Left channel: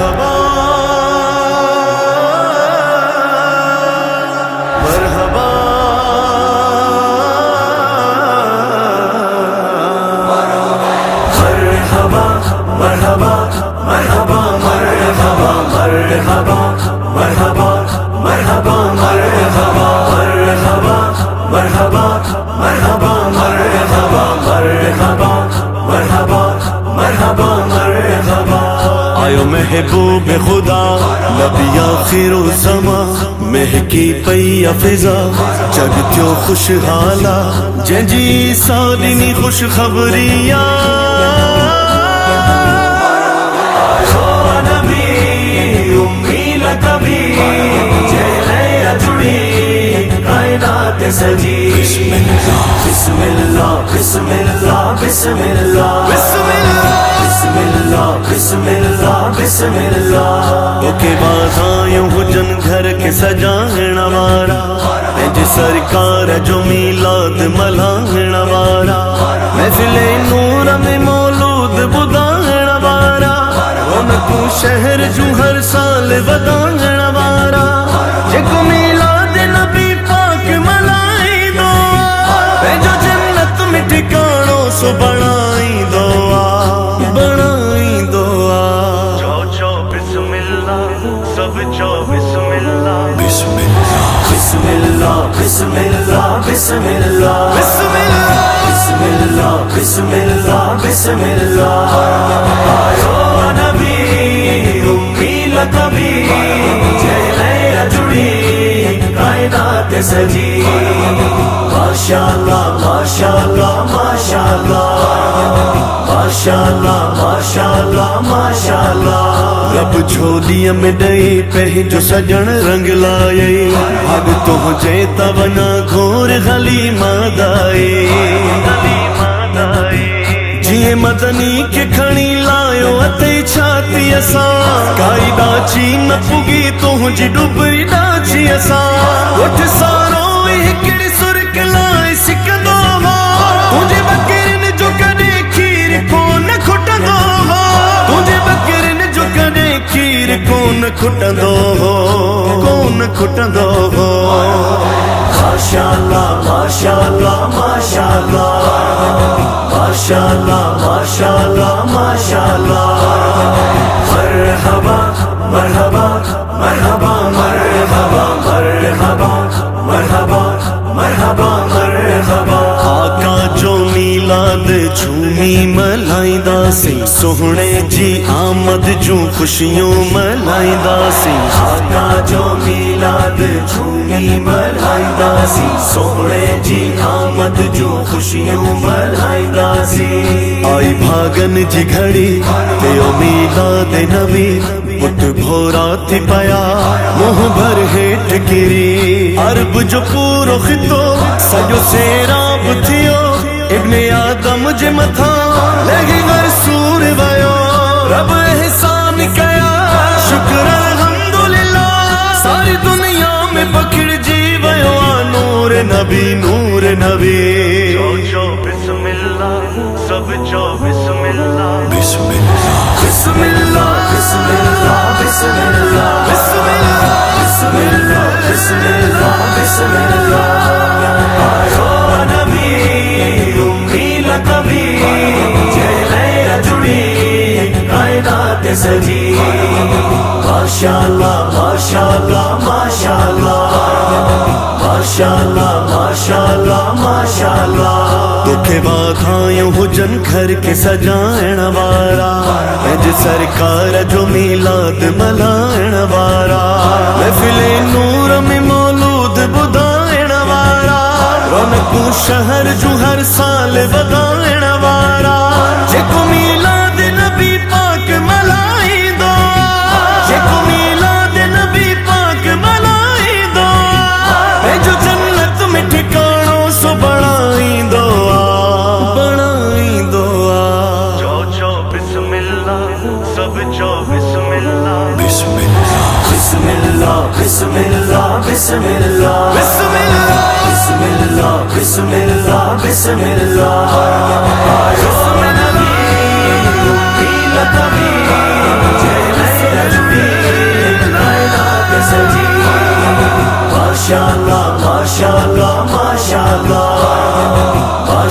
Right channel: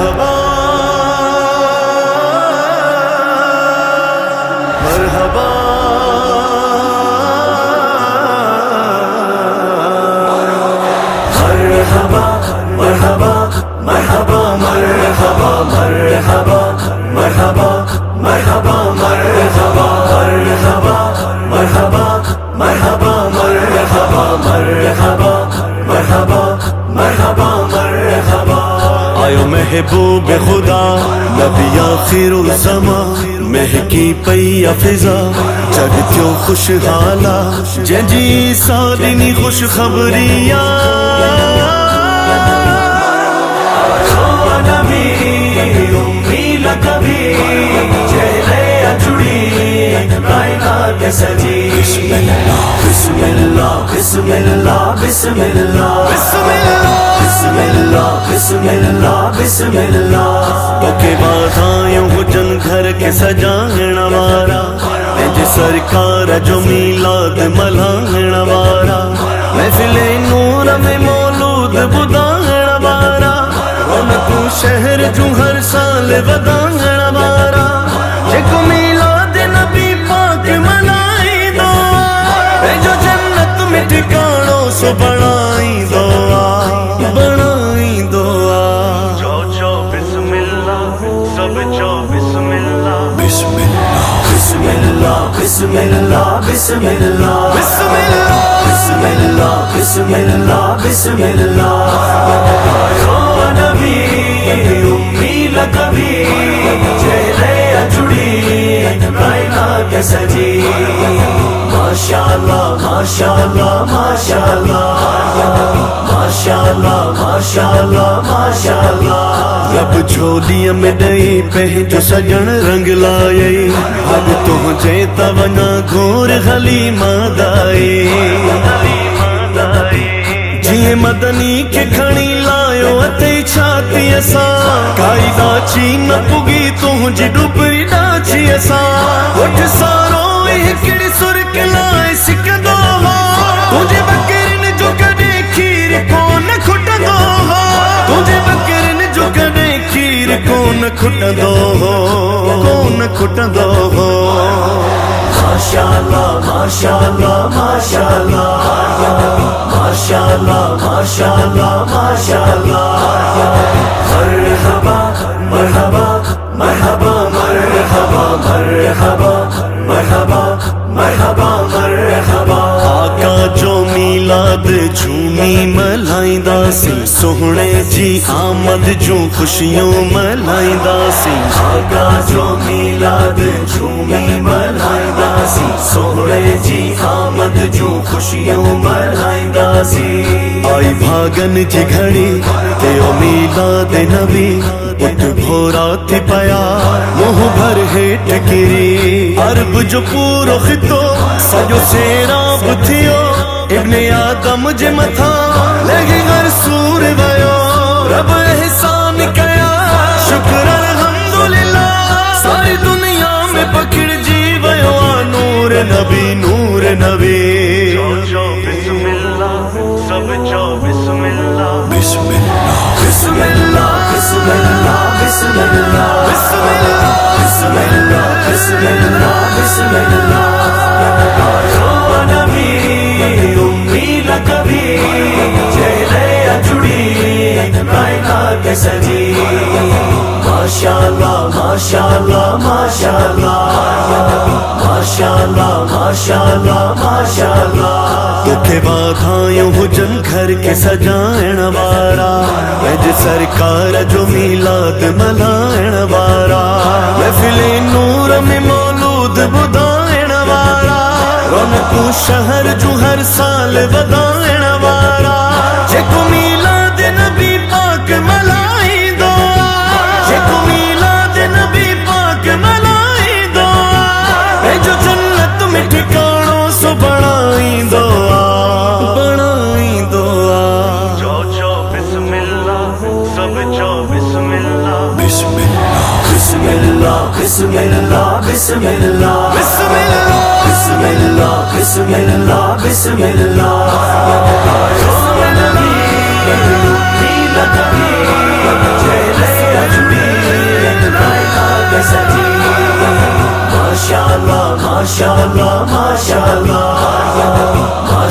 مرحبا مرحبا مرحبا مرحبا مرحبا مرحبا مرحبا مرحبا مرحبا مرحبا مرحبا مرحبا مرحبا مرحبا مرحبا مرحبا مرحبا مرحبا آیو محبوب خدا نبی آخر الزمان مہکی پئی فضا جگ تیو خوشحالا جنجی سالینی خوش خبریا آیو نبی امی لکبی جیلے جڑی کائنات سجی بسم اللہ بسم اللہ بسم اللہ بسم اللہ بسم اللہ بسم اللہ بسم اللہ بسم اللہ تو کے بعد آئیوں حجن گھر کے سجاہن وارا انج سرکار جو میلاد ملاہن وارا محفل نور میں مولود بداہن وارا رونقوں شہر جو ہر سال وداہن وارا جکو میلاد نبی پاک ملائی دعا جو جنت میں ٹھکانوں سو بڑھائی دعا بڑھائی دعا چو بسم اللہ سب چو بسم اللہ بسم اللہ بسم اللہ بسم اللہ بسم اللہ بسم اللہ بسم اللہ بسم اللہ بسم اللہ آیو نبی امی لکبی جیلے جڑی کائنات سجی ماشاءاللہ ماشاءاللہ ماشاءاللہ ماشاءاللہ ماشاءاللہ ماشاءاللہ رب جھولیا میں ڈئی پہنجو سجن رنگ لائے بھاگ تو جیتا ونا گھور غلی مادائے جیے مدنی کے کھڑی لائیو اتے چھاتی اسا کائی ڈاچی نہ پگی تو جی ڈوبری ڈاچی اسا اٹھ سارو ایکڑی سرک لائے سکندو ہو تجھے بکرن جو کدے کھیر کون کھٹندو ہو تجھے بکرن جو کدے کھیر کون کھٹندو ہو کون کھٹندو ہو ماشاءاللہ ماشاءاللہ ماشاءاللہ ماشاءاللہ ماشاءاللہ ماشاءاللہ مرحبا مرحبا مرحبا مرحبا مرحبا مرحبا مرحبا مرحبا آقا جو میلاد جھومی ملائندہ سی سوہنے جی آمد جو خوشیوں ملائندہ سی آقا جو میلاد جھومی ملائندہ سی سوہنے جی آمد جو خوشیوں ملائندہ سی آئی بھاگن جی گھڑی تیو میلاد نبی بٹ بھورا تھی پیا منہ بھر ہیٹ گری عرب جو پورو خطو سجو سیراب تھیو ابن آدم جے متھا لگی غر سور ویو رب احسان کیا شکر الحمدللہ ساری دنیا میں پکڑ جی ویو نور نبی نور نبی چو بسم اللہ سب چو بسم اللہ بسم اللہ بسم اللہ بسم اللہ بسم اللہ بسم اللہ بسم اللہ بسم اللہ بسم اللہ آیو نبی امی لکبی جیلے جڑی کائنات سجی ماشاءاللہ ماشاءاللہ ماشاءاللہ ماشاءاللہ ماشاءاللہ ماشاءاللہ تو کے بعد آئیوں حجن گھر کے سجائن وارا اج سرکار جو میلاد ملائن وارا محفل نور میں مولود بدائن وارا رونقوں شہر جو ہر سال ودائن وارا جکو میلاد نبی پاک ملائی دعا جکو میلاد نبی پاک ملائی دعا اے جو جنت میں ٹھکانوں سو بڑھائی دعا بڑھائی دعا چو بسم اللہ سب چو بسم اللہ بسم اللہ بسم اللہ بسم اللہ بسم اللہ بسم اللہ بسم اللہ بسم اللہ بسم اللہ بسم اللہ